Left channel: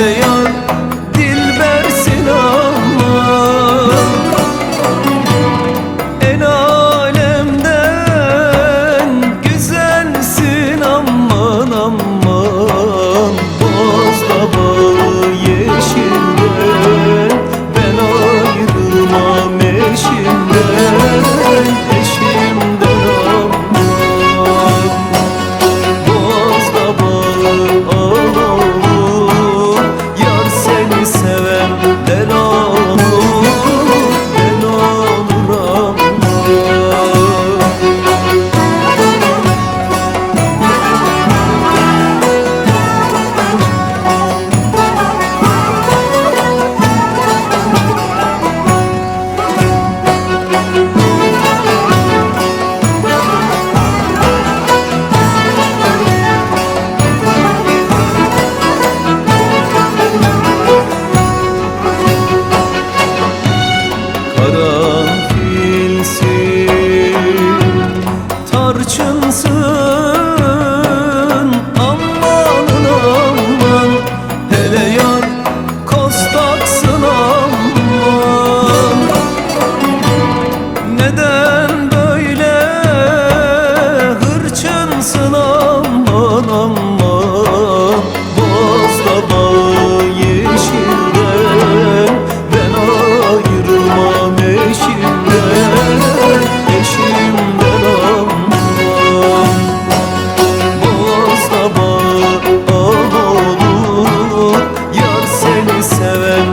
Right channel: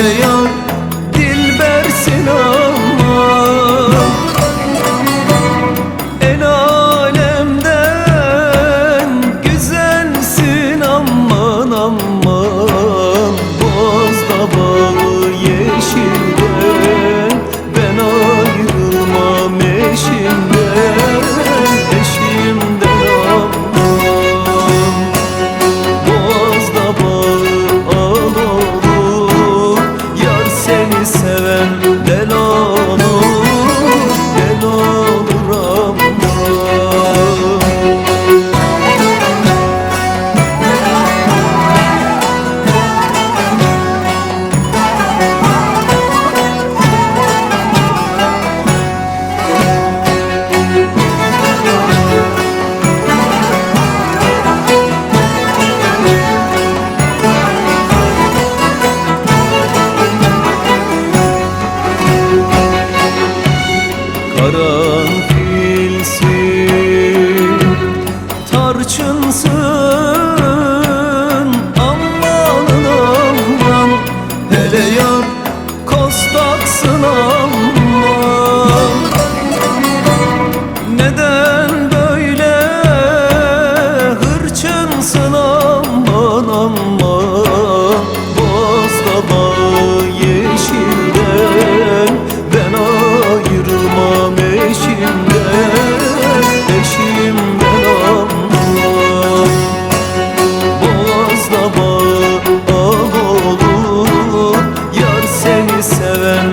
Hele yar dilbersin aman, el alemden güzelsin aman aman. Bozda bağı yeşilden, ben ayrılmam eşimden, eşimden aman. Bozda bağı al olur, yar seni seven del olur, del olur aman. Karanfilsin, tarçınsın amanın aman. Hele yar kostaksın aman. Neden böyle hırçınsın aman aman. Bozda bağı yeşilden, ben ayrılmam eşimden, eşimden aman. Bozda bağı al olur, yar seni seven